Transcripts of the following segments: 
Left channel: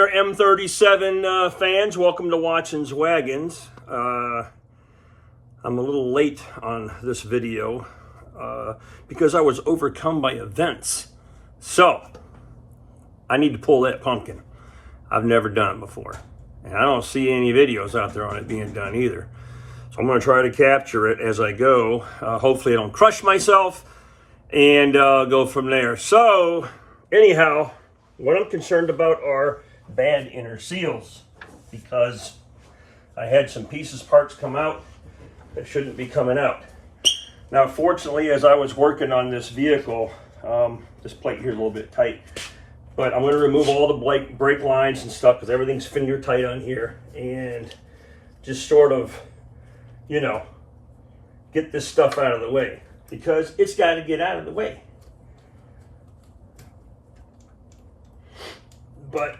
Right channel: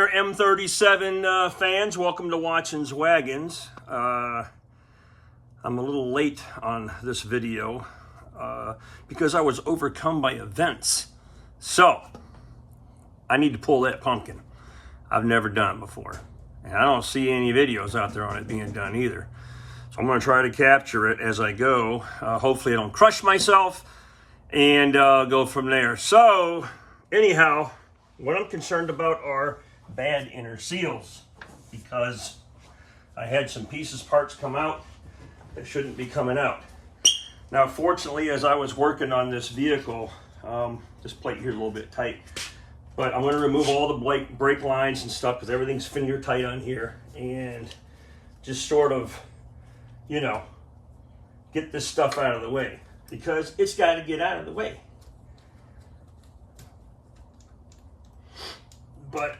there, M37 fans. Welcome to Watson's Wagons. I'm a little late on this video because I was overcome by events. So, I need to pull that pumpkin. I've never done it before. And I don't see any videos out there on it being done either. So I'm going to try to capture it as I go. Hopefully I don't crush myself and go from there. So, anyhow, what I'm concerned about are bad inner seals, because I had some parts come out that shouldn't be coming out. Now, fortunately, as I was working on this vehicle, this plate here is a little bit tight, but I'm going to remove all the brake lines and stuff because everything's finger tight on here, and just sort of, you know, get this stuff out of the way, because it's got to get out of the way. But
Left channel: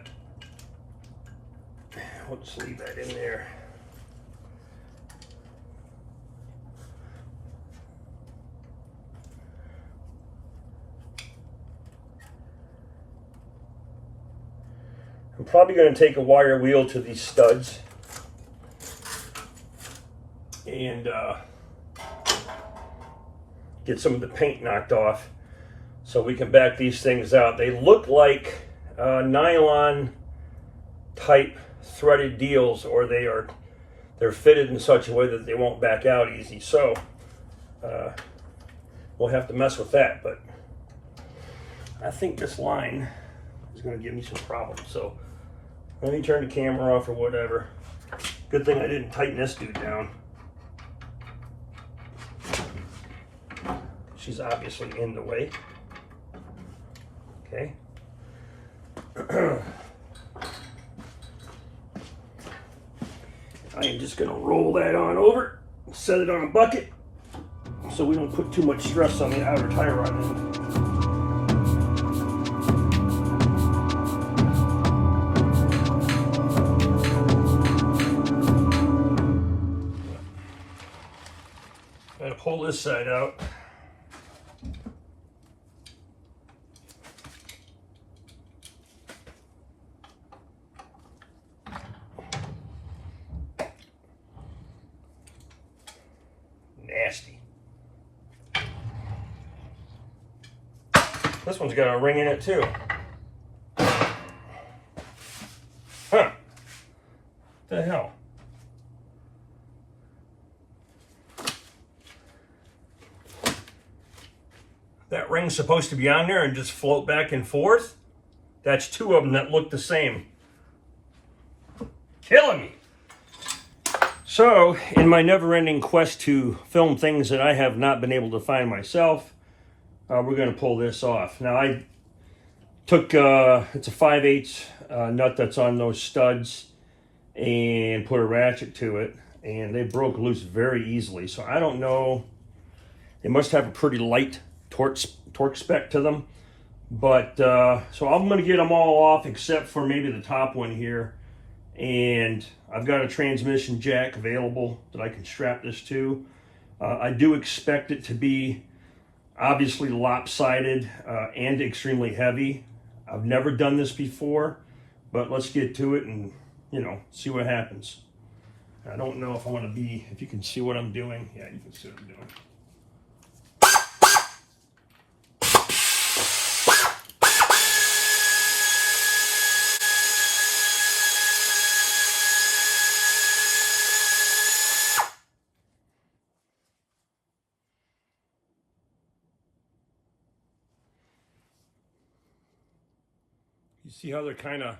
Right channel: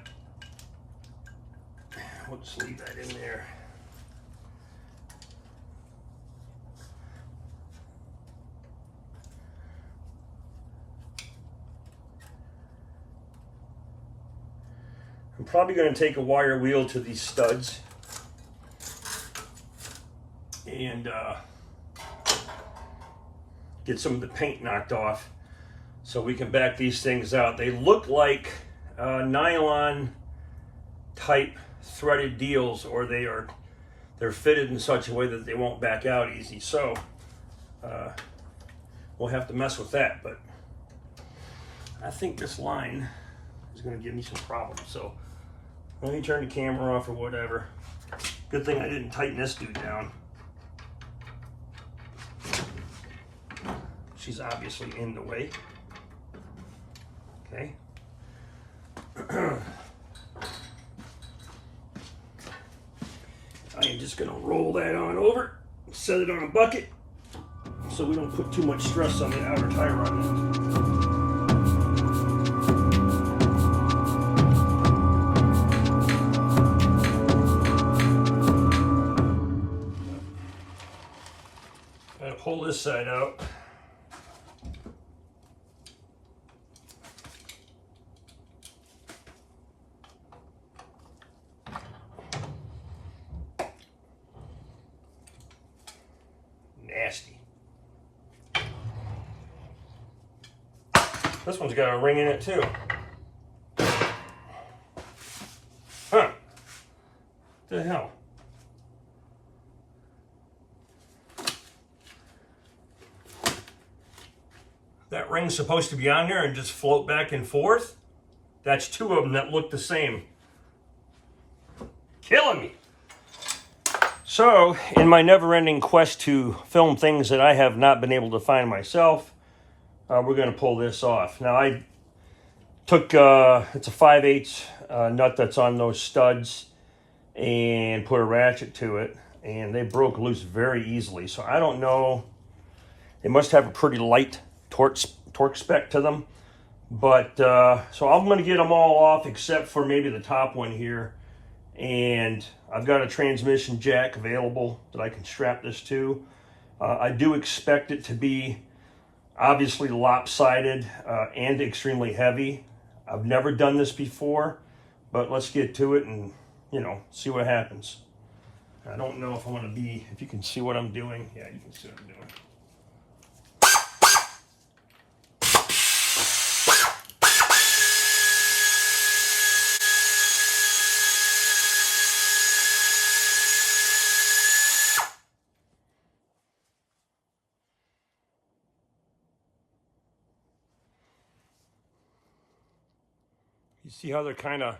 we'll just leave that in there. I'm probably going to take a wire wheel to these studs and get some of the paint knocked off so we can back these things out. They look like nylon type threaded deals, or they're fitted in such a way that they won't back out easy. So we'll have to mess with that, but I think this line is going to give me some problems. So let me turn the camera off or whatever. Good thing I didn't tighten this dude down. She's obviously in the way. Okay. I am just going to roll that on over, set it on a bucket, so we don't put too much stress on the outer tie rod end. Gotta pull this side out. Nasty. This one's got a ring in it too. Huh. What the hell? That ring's supposed to be on there and just float back and forth. That's two of them that look the same. Killing me. So, in my never-ending quest to film things that I have not been able to find myself, we're going to pull this off. Now, I took, it's a 5/8 nut that's on those studs and put a ratchet to it, and they broke loose very easily. So, I don't know. They must have a pretty light torque spec to them. But, so I'm going to get them all off except for maybe the top one here. And I've got a transmission jack available that I can strap this to. I do expect it to be obviously lopsided and extremely heavy. I've never done this before, but let's get to it and, you know, see what happens. I don't know if I want to be, if you can see what I'm doing. Yeah, you can see what I'm doing. You see how they're kind of,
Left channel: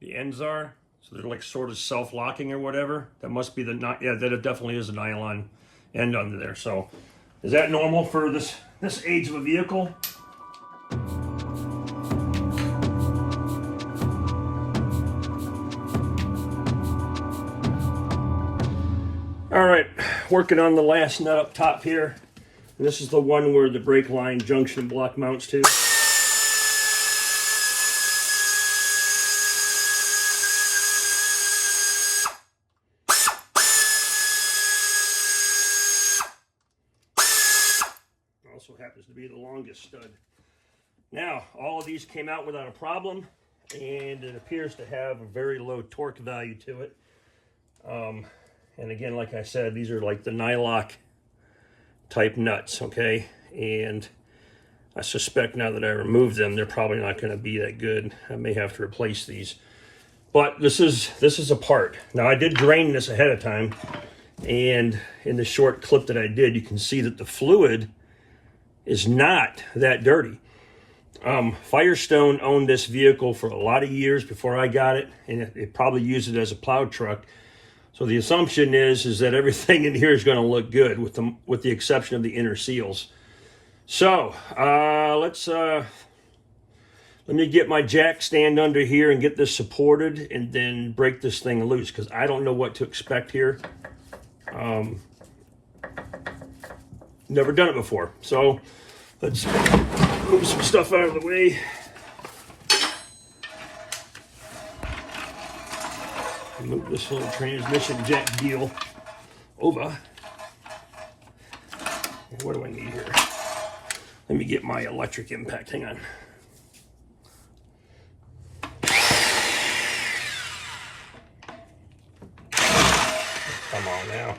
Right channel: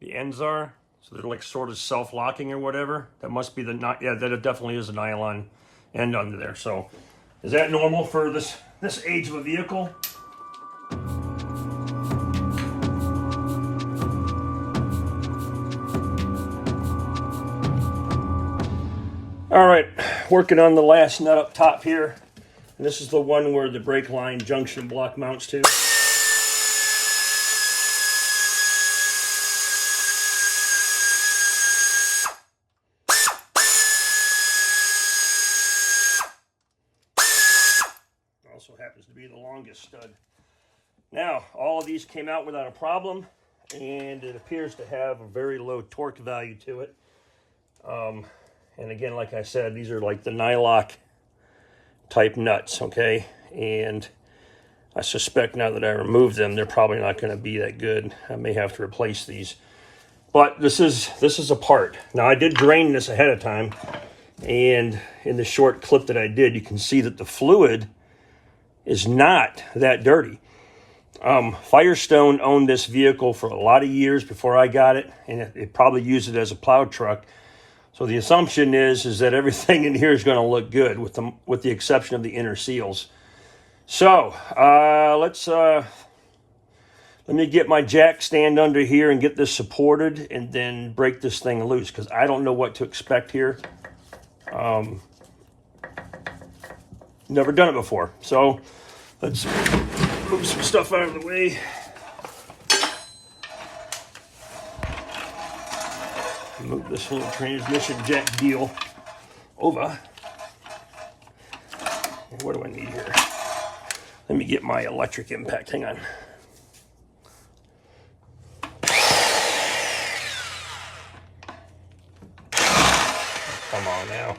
the ends are? So they're like sort of self-locking or whatever. That must be the, yeah, that it definitely is a nylon end under there. So is that normal for this age of a vehicle? All right, working on the last nut up top here. And this is the one where the brake line junction block mounts to. Also happens to be the longest stud. Now, all of these came out without a problem, and it appears to have a very low torque value to it. And again, like I said, these are like the nylock type nuts, okay? And I suspect now that I removed them, they're probably not going to be that good. I may have to replace these. But this is a part. Now, I did drain this ahead of time, and in the short clip that I did, you can see that the fluid is not that dirty. Firestone owned this vehicle for a lot of years before I got it, and it probably used it as a plow truck. So the assumption is that everything in here is going to look good, with the exception of the inner seals. So let me get my jack stand under here and get this supported, and then break this thing loose, because I don't know what to expect here. Never done it before. So let's move some stuff out of the way. Move this little transmission jack deal over. And what do I need here? Let me get my electric impact. Hang on. Come on now.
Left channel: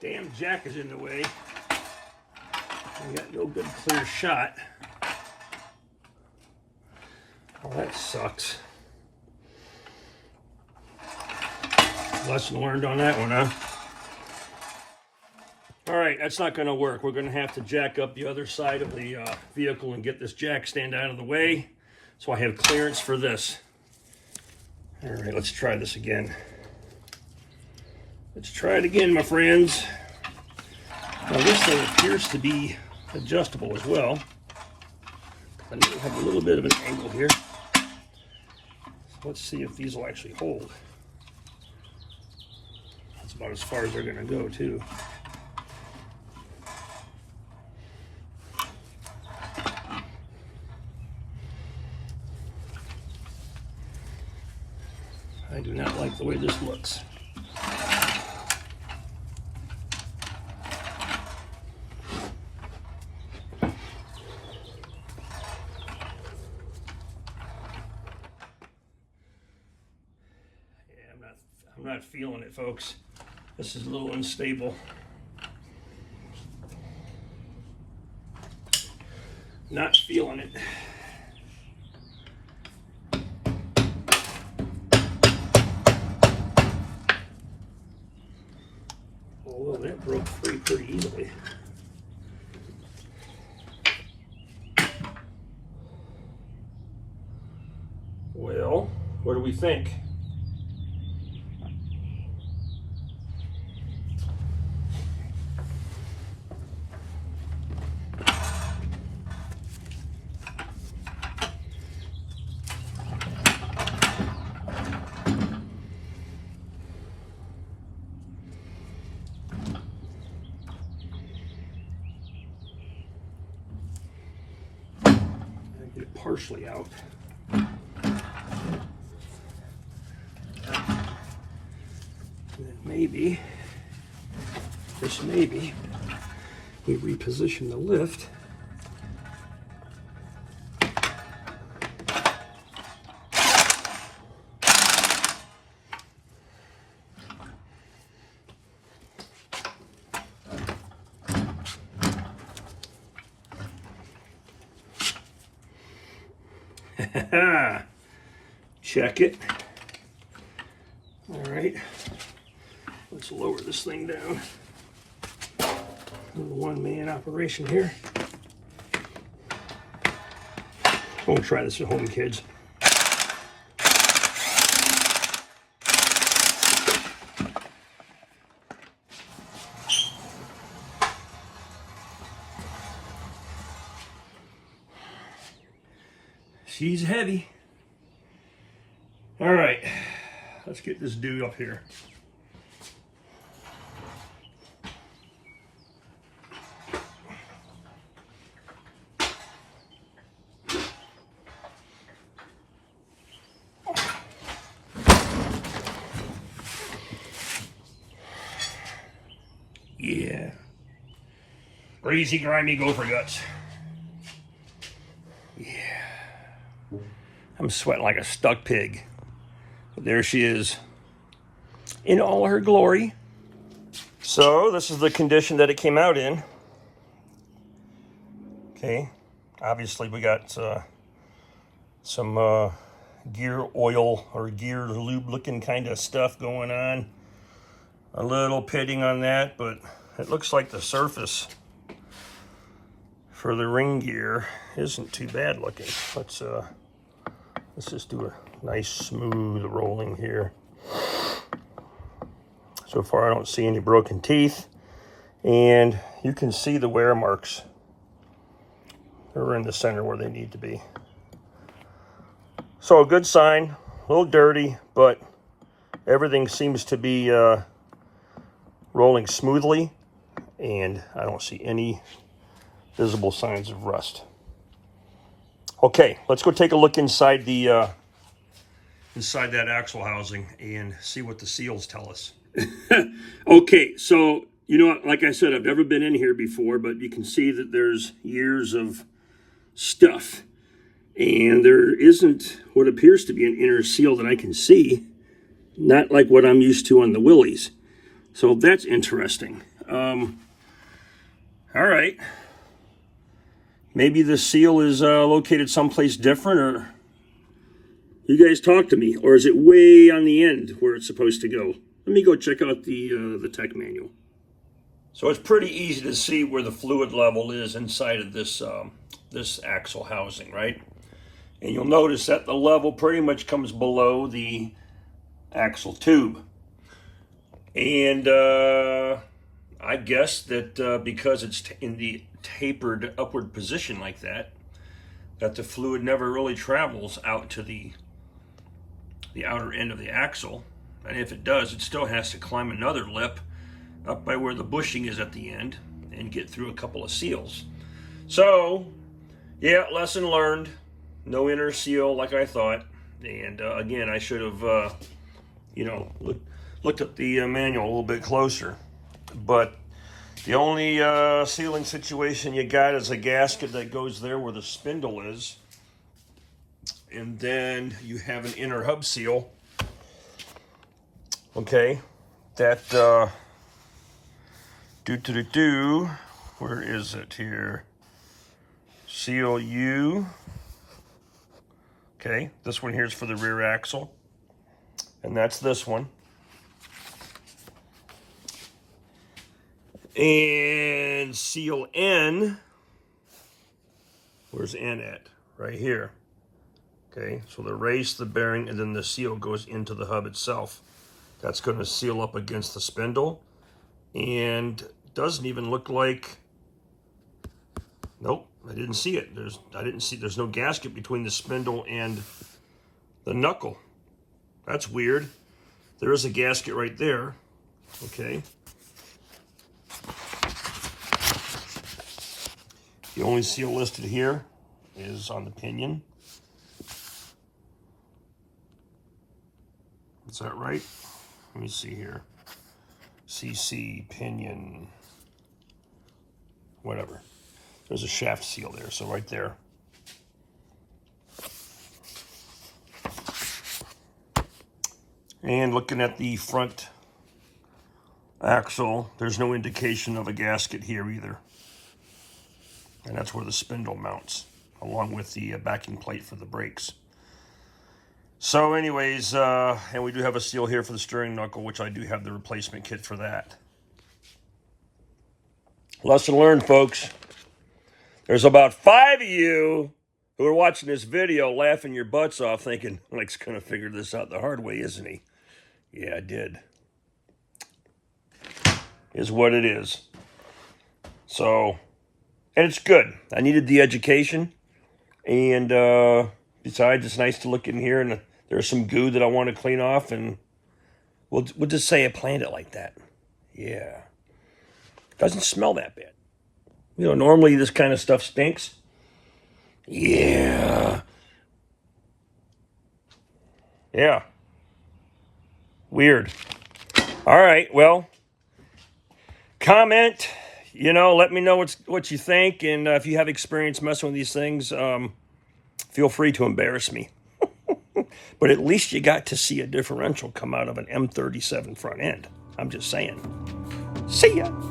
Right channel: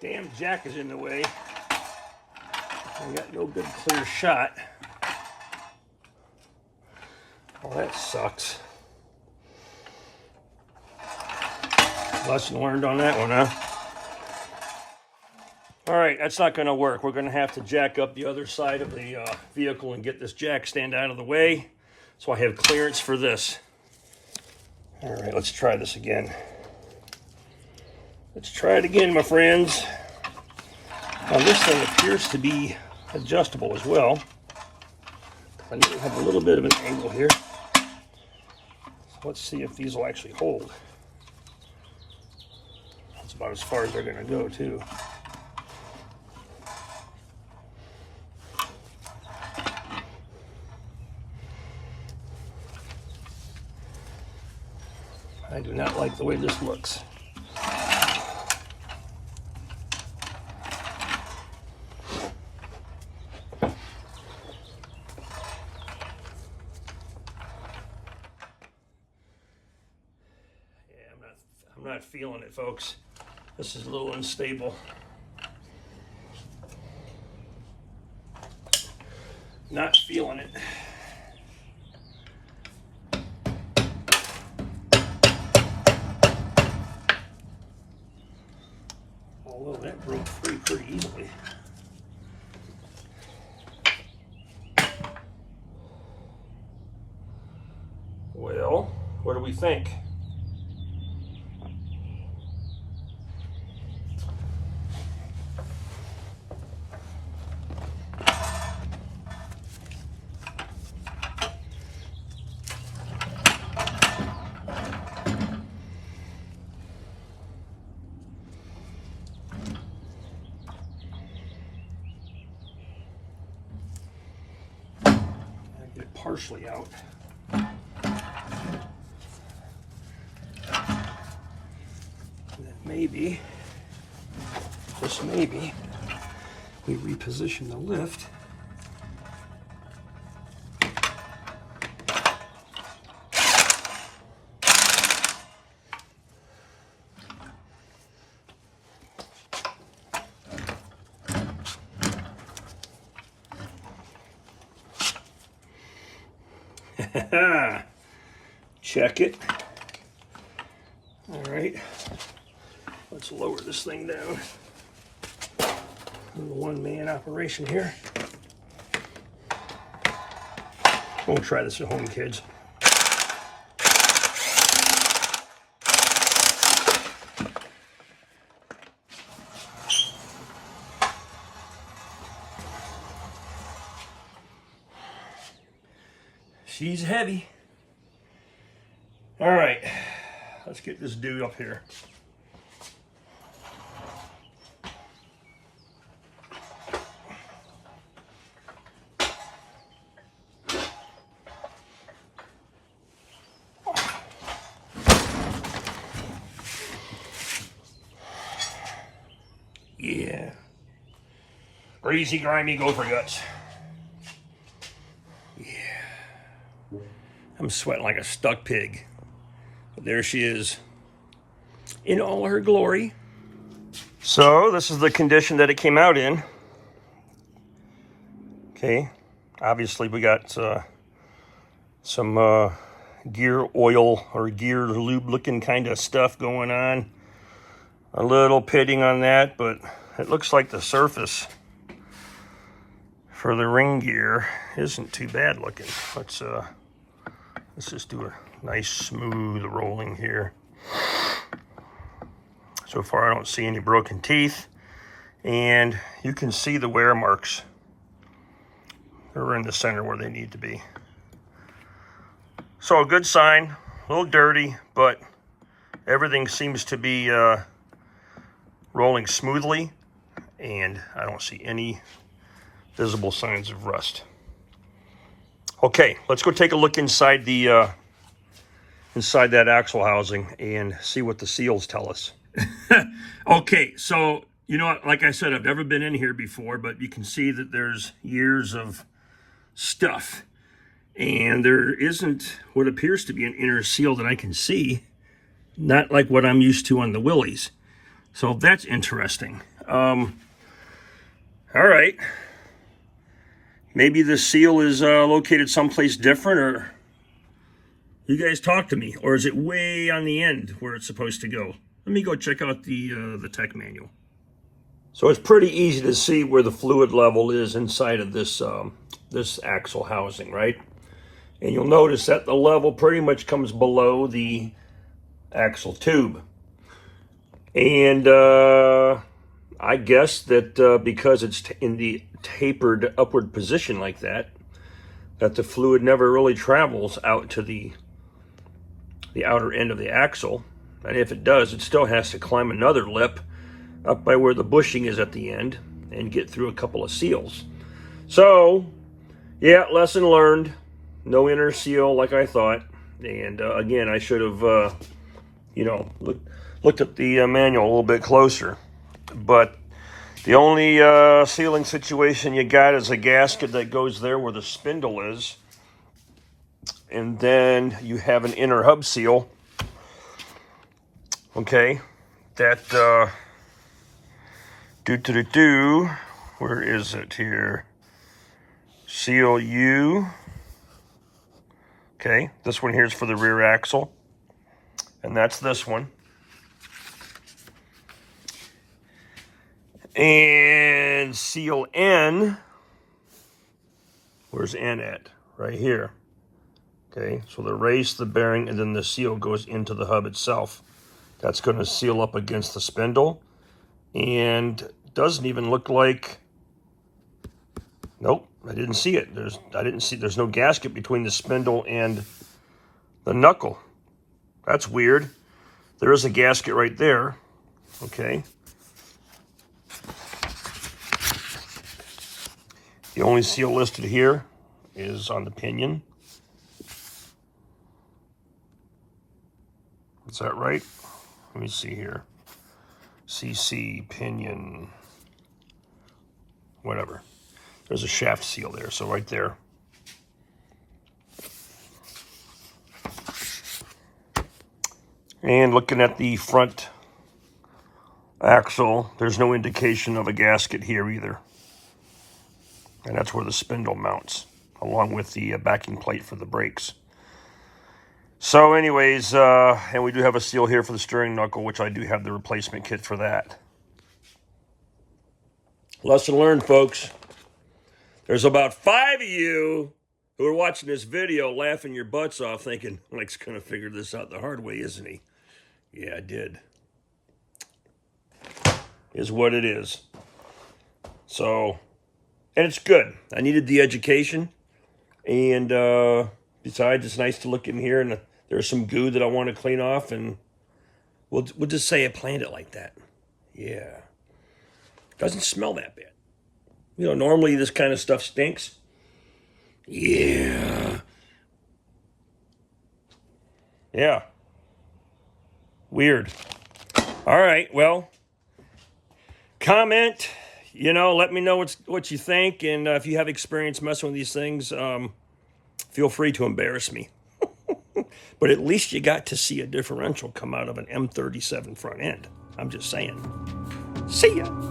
Damn jack is in the way. I got no good clear shot. Well, that sucks. Lesson learned on that one, huh? All right, that's not going to work. We're going to have to jack up the other side of the vehicle and get this jack stand out of the way, so I have clearance for this. All right, let's try this again. Let's try it again, my friends. Now, this thing appears to be adjustable as well. I need to have a little bit of an angle here. So let's see if these will actually hold. That's about as far as they're going to go, too. I do not like the way this looks. I'm not feeling it, folks. This is a little unstable. Not feeling it. Although that broke free pretty easily. Well, what do we think? Get it partially out. And then maybe, just maybe, we reposition the lift. Check it. All right, let's lower this thing down. A little one-man operation here. We'll try this at home, kids. She's heavy. All right, let's get this dude up here. Yeah. Greasy, grimy gopher guts. Yeah. I'm sweating like a stuck pig. But there she is in all her glory. So this is the condition that it came out in. Okay. Obviously we got some gear oil or gear lube looking kind of stuff going on. A little pitting on that, but it looks like the surface for the ring gear isn't too bad looking. Let's just do a nice smooth rolling here. So far I don't see any broken teeth, and you can see the wear marks. They're in the center where they need to be. So a good sign, a little dirty, but everything seems to be rolling smoothly, and I don't see any visible signs of rust. Okay, let's go take a look inside the inside that axle housing and see what the seals tell us. Okay, so you know, like I said, I've never been in here before, but you can see that there's years of stuff, and there isn't what appears to be an inner seal that I can see, not like what I'm used to on the Willys. So that's interesting. All right. Maybe the seal is located someplace different, or you guys talk to me, or is it way on the end where it's supposed to go? Let me go check out the tech manual. So it's pretty easy to see where the fluid level is inside of this this axle housing, right? And you'll notice that the level pretty much comes below the axle tube. And I guess that because it's in the tapered upward position like that, that the fluid never really travels out to the outer end of the axle. And if it does, it still has to climb another lip up by where the bushing is at the end and get through a couple of seals. So, yeah, lesson learned. No inner seal like I thought. And again, I should have, you know, looked at the manual a little bit closer. But the only sealing situation you got is a gasket that goes there where the spindle is. And then you have an inner hub seal. Okay, that, where is it here? Seal U. Okay, this one here is for the rear axle. And that's this one. And seal N, where's N at? Right here. Okay, so the race, the bearing, and then the seal goes into the hub itself. That's going to seal up against the spindle, and doesn't even look like, nope, I didn't see it. There's no gasket between the spindle and the knuckle. That's weird. There is a gasket right there. Okay. The only seal listed here is on the pinion. Is that right? Let me see here. CC, pinion, whatever. There's a shaft seal there, so right there. And looking at the front axle, there's no indication of a gasket here either. And that's where the spindle mounts, along with the backing plate for the brakes. So anyways, and we do have a seal here for the steering knuckle, which I do have the replacement kit for that. Lesson learned, folks. There's about 5 of you who are watching this video laughing your butts off thinking, Mike's going to figure this out the hard way, isn't he? Yeah, I did. Is what it is. So, and it's good. I needed the education. And besides, it's nice to look in here, and there's some goo that I want to clean off, and we'll just say I planned it like that. Yeah. Doesn't smell that bad. You know, normally this kind of stuff stinks. Yeah. Yeah. Weird. All right, well, comment, you know, let me know what you think. And if you have experience messing with these things, feel free to embarrass me. But at least you got to see a differential come out of an M37 front end. I'm just saying. See ya.